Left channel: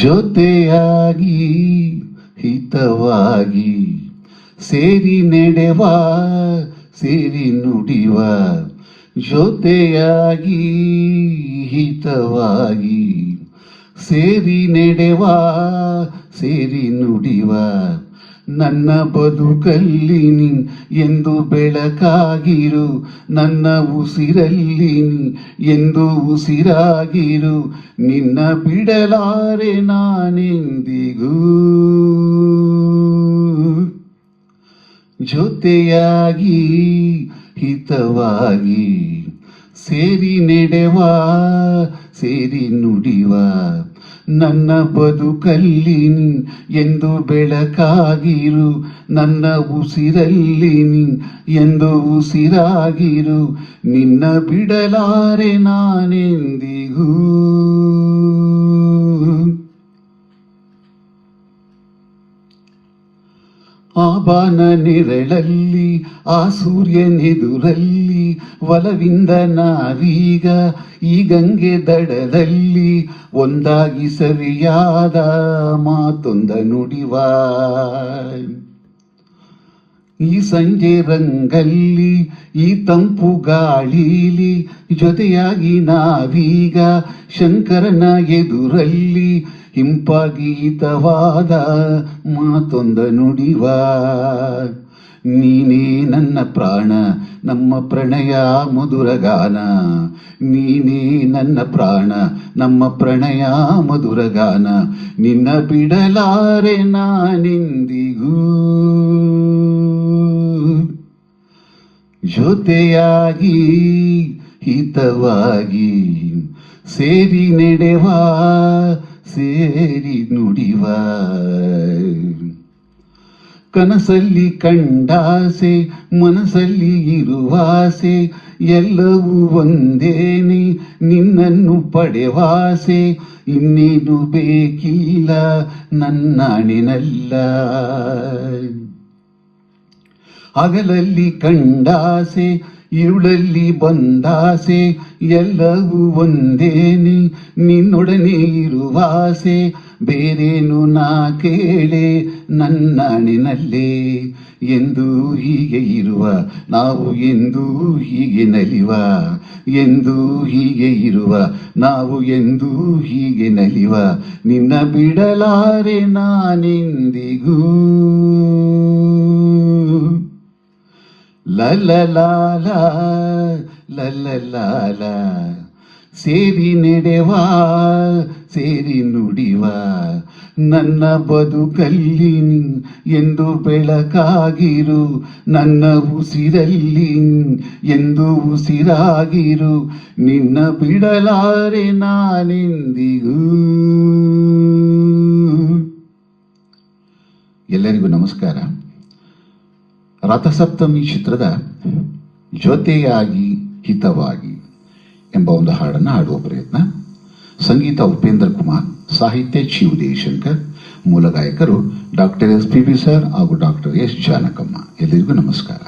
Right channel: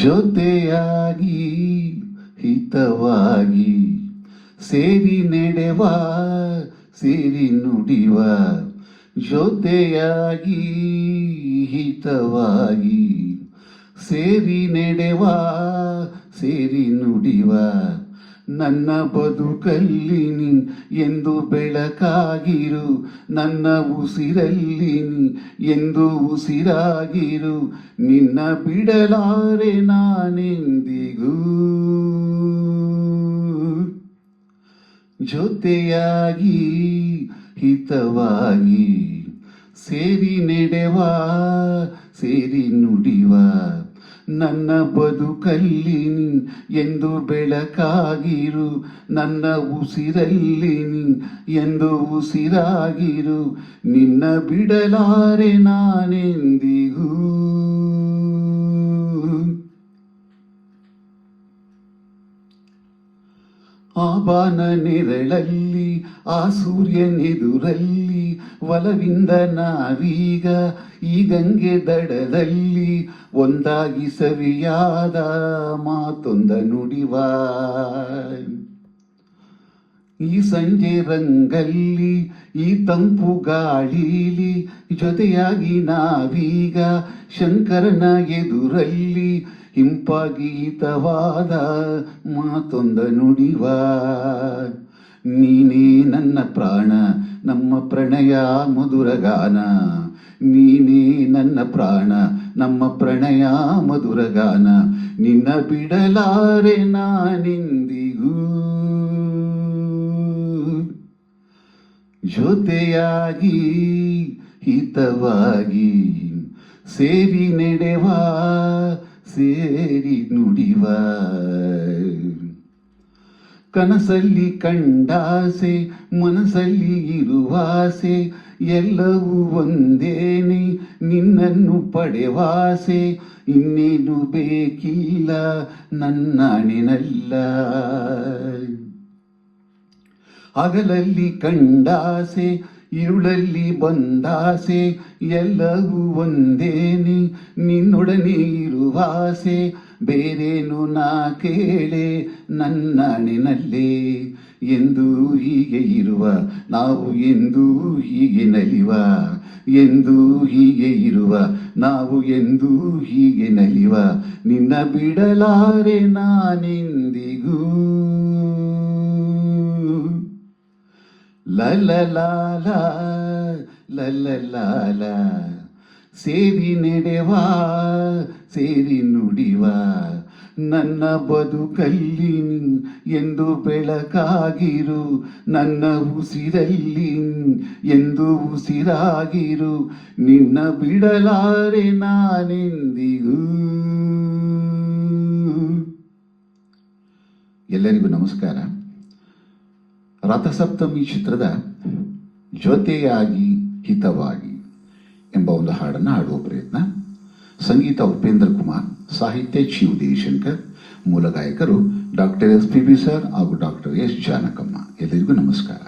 ಜೊತೆಯಾಗಿ ಹಿತವಾಗಿ ಸೇರಿ ನಡೆವ ಸೇರಿ ನುಡಿವ, ಜೊತೆಯಾಗಿ ಹಿತವಾಗಿ ಸೇರಿ ನಡೆವ ಸೇರಿ ನುಡಿವ, ನನ್ನ ಬದುಕಲ್ಲಿ ನೀ ಎಂದು ಬೆಳಕಾಗಿರು, ನನ್ನ ಉಸಿರಲ್ಲಿ ನೀ ಎಂದು ಉಸಿರಾಗಿರು, ನಿನ್ನ ಬಿಡಲಾರೆ ನಾನೆಂದಿಗೂ. ಜೊತೆಯಾಗಿ ಹಿತವಾಗಿ ಸೇರಿ ನಡೆವ ಸೇರಿ ನುಡಿವ, ನನ್ನ ಬದುಕಲ್ಲಿ ನೀ ಎಂದು ಬೆಳಕಾಗಿರು, ನನ್ನ ಉಸಿರಲ್ಲಿ ನೀ ಎಂದು ಉಸಿರಾಗಿರು, ನಿನ್ನ ಬಿಡಲಾರೆ ನಾನೆಂದಿಗೂ. ಆ ಬಾನ ನೆರಳಲ್ಲಿ ಆ ಸೂರ್ಯನೆದುರಲ್ಲಿ ಒಲವಿಂದ ನಾವೀಗ ಈ ಗಂಗೆ ದಡದಲ್ಲಿ ಒಂದಾಗಿ ಸವಿಯಾದ ಮಾತೊಂದ ನುಡಿವ, ಈ ಸಂಜೆ ರಂಗಲ್ಲಿ ಈ ತಂಪು ಗಾಳಿಲಿ ಜೊತೆಯಾಗಿ ನಾವೀಗ ಶಂಕರನ ಎದುರಲ್ಲಿ ಹಿಂಪಾಗೀತವಾದ ಮಾತೊಂದ ನುಡಿವ, ನೀನೇ ನನ್ನ ಪ್ರಾಣ ನಮ್ಮ ಪ್ರಣಯ ಮಧುರಗಾನ, ನೀನೇ ನನ್ನ ಪ್ರಾಣ ನಮ್ಮ ಪ್ರಣಯ ಮಧುರಗಾನ, ನಿನ್ನ ಬಿಡಲಾರೆ ನಾನೆಂದಿಗೂ. ಜೊತೆಯಾಗಿ ಹಿತವಾಗಿ ಸೇರಿ ನಡೆವ ಸೇರಿ ನುಡಿವ, ಕನಸಲ್ಲಿ ಕಂಡಾಸೆ ಮನಸ್ಸಲ್ಲಿ ಇರುವಾಸೆ ಎಲ್ಲವೂ ಒಂದೇನೆ ನಿನ್ನನ್ನು ಪಡೆವಾಸೆ, ಇನ್ನೇನು ಬೇಕಿಲ್ಲ ನನ್ನಾಣಿನಲ್ಲ. ಹಗಲಲ್ಲಿ ಕಂಡಾಸೆ ഇരുളಲ್ಲಿ ಬಂದಾಸೆ ಎಲ್ಲವೂ ಒಂದೇನೆ ನಿನ್ನೊಡನೆ ಇರುವಾಸೆ, ಬೇರೇನು ನಾ ಕೇಳೆ ನನ್ನಣಿನಲ್ಲೇ. ಎಂದು ಹೀಗೆ ಇರುವ ನಾವು ಎಂದು ಹೀಗೆ ನಲಿವ, ಎಂದು ಹೀಗೆ ಇರುವ ನಾವು ಎಂದು ಹೀಗೆ ನಲಿವ, ನಿನ್ನ ಬಿಡಲಾರೆ ನಾನೆಂದಿಗೂ. ಲಲಲಾಲ ಲಲಲಾಲ ಸೇರಿ ನಡೆವ ಸೇರಿ ನುಡಿವ, ನನ್ನ ಬದುಕಲ್ಲಿ ಎಂದು ಬೆಳಕಾಗಿರು, ನನ್ನ ಉಸಿರಲ್ಲಿ ಎಂದು ಉಸಿರಾಗಿರು, ನಿನ್ನ ಬಿಡಲಾರೆ ನಾನೆಂದಿಗೂ. ಎಲ್ಲರಿಗೂ ನಮಸ್ಕಾರ. ರಥಸಪ್ತಮಿ ಚಿತ್ರದ ಜೊತೆಯಾಗಿ ಹಿತವಾಗಿ ಎಂಬ ಒಂದು ಹಾಡನ್ನು ಹಾಡುವ ಪ್ರಯತ್ನ. ಸಂಗೀತ ಉಪೇಂದ್ರ ಕುಮಾರ್, ಸಾಹಿತ್ಯ ಚಿ ಉದಯಶಂಕರ್, ಮೂಲ ಗಾಯಕರು doctor S P B sir ಹಾಗೂ ಡಾಕ್ಟರ್ ಎಸ್ ಜಾನಕಮ್ಮ. ಎಲ್ಲರಿಗೂ ನಮಸ್ಕಾರ.